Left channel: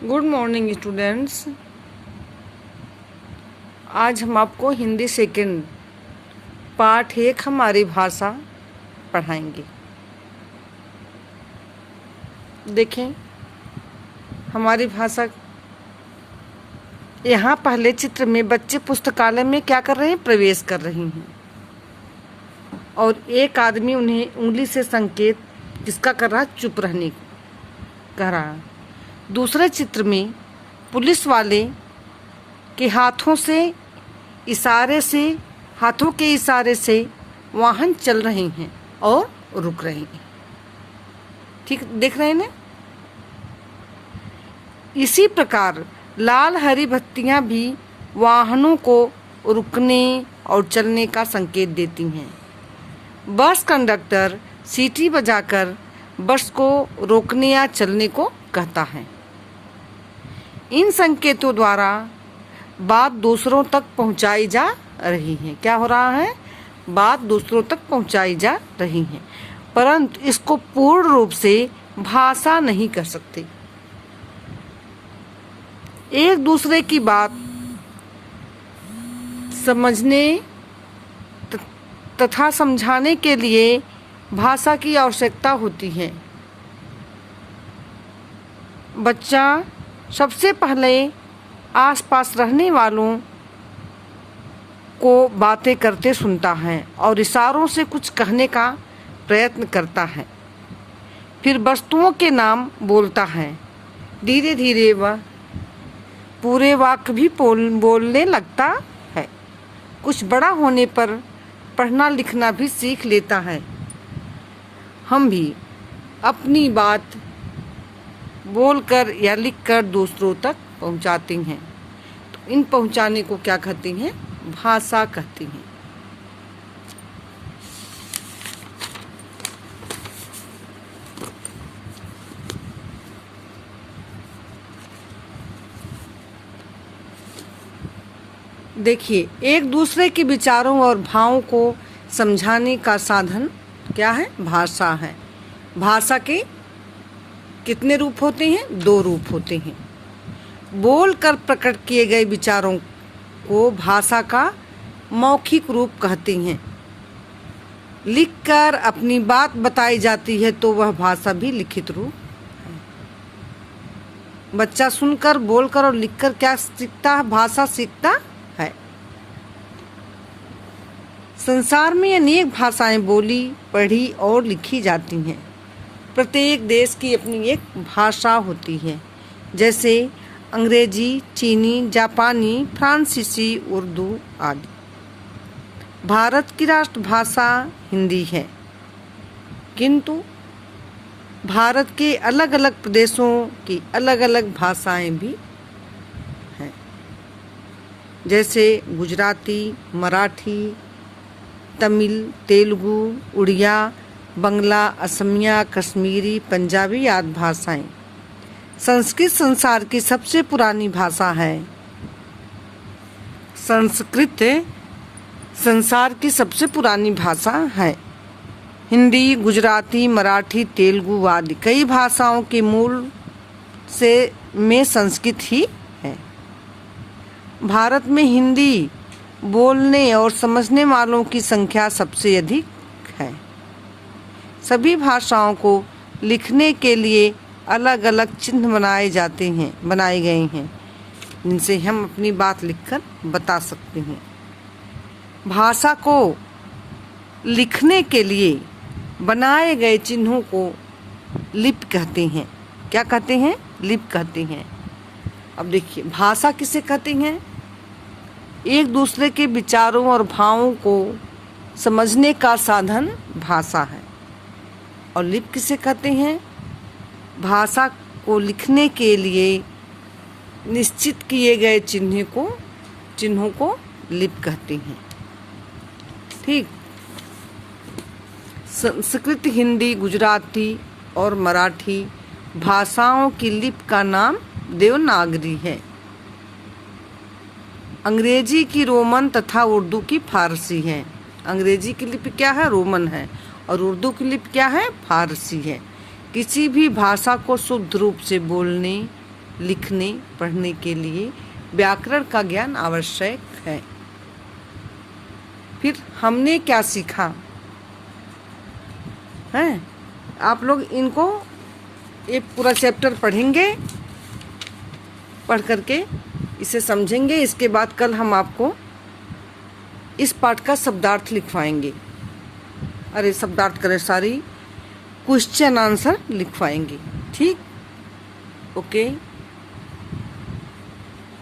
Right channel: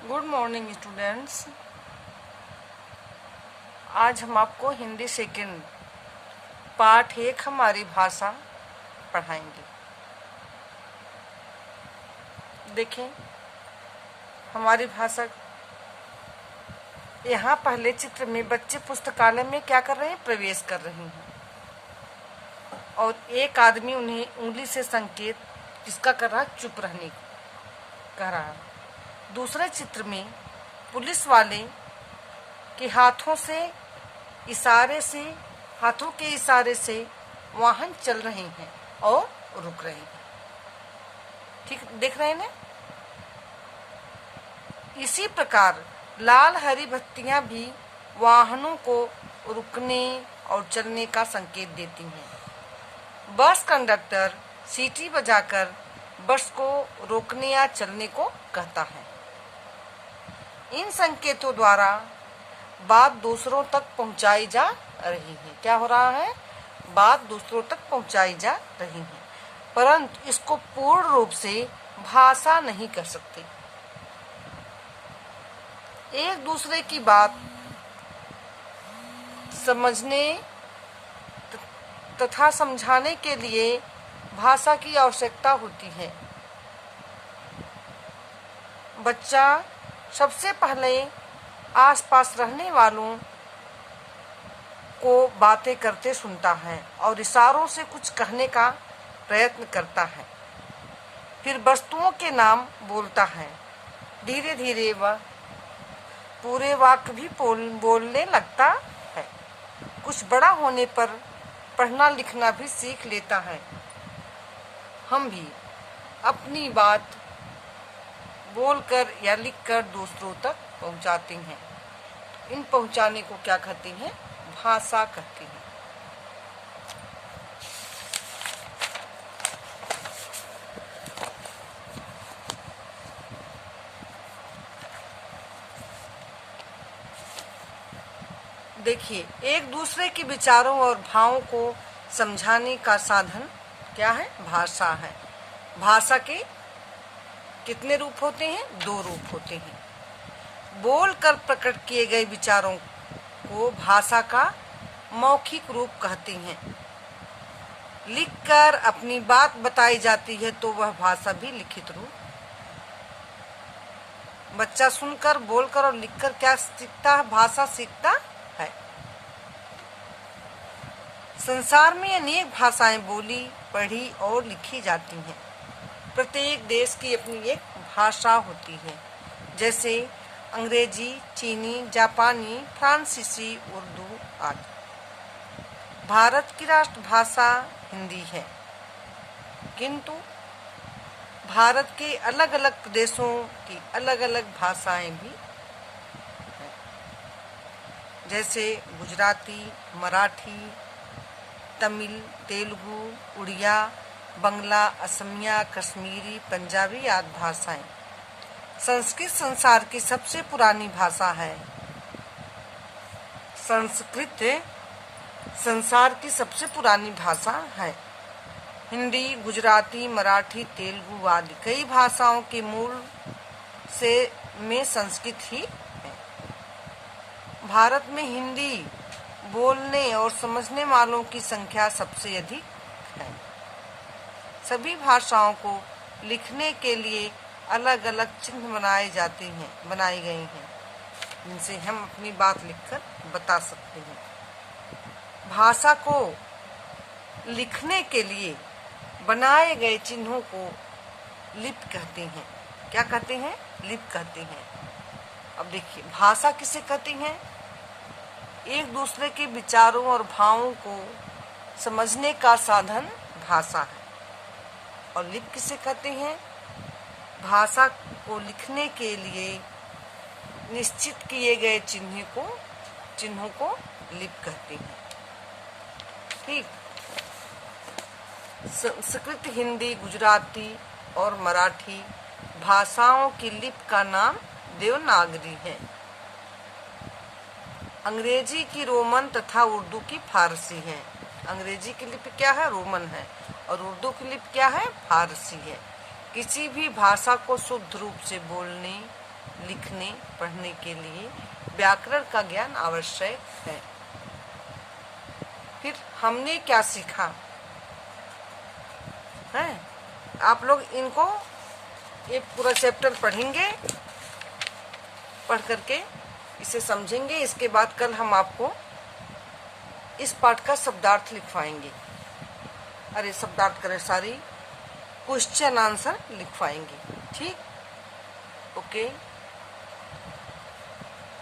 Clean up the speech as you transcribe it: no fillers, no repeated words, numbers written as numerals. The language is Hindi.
Good morning students. आज हम आपको हिंदी सेकंड पार्ट 1 हमारी भाषा पढ़ाएंगे। देखें हमारी भाषा। यहाँ पहले चित्र में बच्चे पुस्तकालय में क्या कर रहे हैं? प्रवेश कर रही हैं और एक आदमी उन्हें उंगली से संकेत किसका कर रहा है? चुप रहने को कह रहा है। दूसरे चित्र में पुलिस वाले के हाथों के इशारे से वाहन चल रहे हैं और रुक रहे हैं। ठीक देख रहे हैं ना? इसी प्रकार लाल हरी बत्तियां भी वाहनों को रुकने और चलने का संकेत देती हैं। बस कंडक्टर सीटी बजाकर बस को रोकने या चलने को कहता है। इन संकेतों द्वारा बात दूसरों तक पहुंचाई जा रही है। क्या हो रहा है? बात दूसरों तक पहुंचाई जा रही है, परंतु इसको पूर्ण रूप से भाषा नहीं कर सकते। एक दूसरे की बात समझने तथा समझाने के लिए भाषा की आवश्यकता होती है। बच्चा सबसे पहले आसपास रहने वालों को बातें करते सुनता है और इशारों से कुछ कहने का प्रयत्न करता है। फिर वस्तुओं के नाम बोलता है। धीरे धीरे वह पूरे वाक्य भी बोलने लगता है। कुछ बड़ा होने पर पढ़ना लिखना भी सीख लेता है। हम भी अपनी बात बोलकर या लिखकर दूसरों तक पहुंचाते हैं। तो इन पहुंचाने को क्या कहते हैं? भाषा कहते हैं। देखिए, एक दूसरे के विचारों और भावों को समझाने का साधन क्या है? भाषा है। भाषा के कितने रूप होते हैं? 2 रूप होते हैं। बोलकर प्रकट किए गए विचारों को भाषा का मौखिक रूप कहते हैं। लिखकर अपनी बात बताई जाती है तो वह भाषा भी लिखित रूप है। बच्चा सुनकर, बोलकर और लिखकर क्या सीखता है? भाषा सीखता है। संसार में अनेक भाषाएं बोली, पढ़ी और लिखी जाती हैं। प्रत्येक देश की अपनी एक भाषा होती है, जैसे अंग्रेजी, चीनी, जापानी, फ्रांसीसी, उर्दू आदि। भारत की राष्ट्रभाषा हिंदी है, किंतु भारत के अलग अलग प्रदेशों की अलग अलग भाषाएं भी हैं, जैसे गुजराती, मराठी, तमिल, तेलुगु, उड़िया, बंगला, असमिया, कश्मीरी, पंजाबी आदि भाषाएं। संस्कृत संसार की सबसे पुरानी भाषा है। संस्कृत संसार की सबसे पुरानी भाषा है। हिंदी, गुजराती, मराठी, तेलुगु आदि कई भाषाओं के मूल में संस्कृत ही है। भारत में हिंदी बोलने और समझने वालों की संख्या सबसे अधिक है। सभी भाषाओं को लिखने के लिए अलग अलग चिन्ह बनाए गए हैं, जिनसे हम अपनी बात लिखकर बता सकते हैं। भाषा को लिखने के लिए बनाए गए चिन्हों को लिपि कहते हैं। क्या कहते हैं? लिपि कहते हैं। अब देखिए, भाषा किसे कहते हैं? एक दूसरे के विचारों और भावों को समझने का साधन भाषा है। और लिपि किसे कहते हैं? भाषा को लिखने के लिए निश्चित किए गए चिन्हों को लिपि कहते हैं। ठीक। संस्कृत, हिंदी, गुजराती और मराठी भाषाओं की लिपि का नाम देवनागरी है। अंग्रेजी की रोमन तथा उर्दू की फारसी है। अंग्रेजी की लिपि क्या है? रोमन है। और उर्दू की लिपि क्या है? फारसी है। किसी भी भाषा को शुद्ध रूप से बोलने लिखने पढ़ने के लिए व्याकरण का ज्ञान आवश्यक है। फिर हमने क्या सीखा है, आप लोग इनको एक पूरा चैप्टर पढ़ेंगे, पढ़ करके इसे समझेंगे। इसके बाद कल हम आपको इस पाठ का शब्दार्थ लिखवाएंगे, अरे शब्दार्थ करे सारी क्वेश्चन आंसर लिखवाएंगे। ठीक, ओके।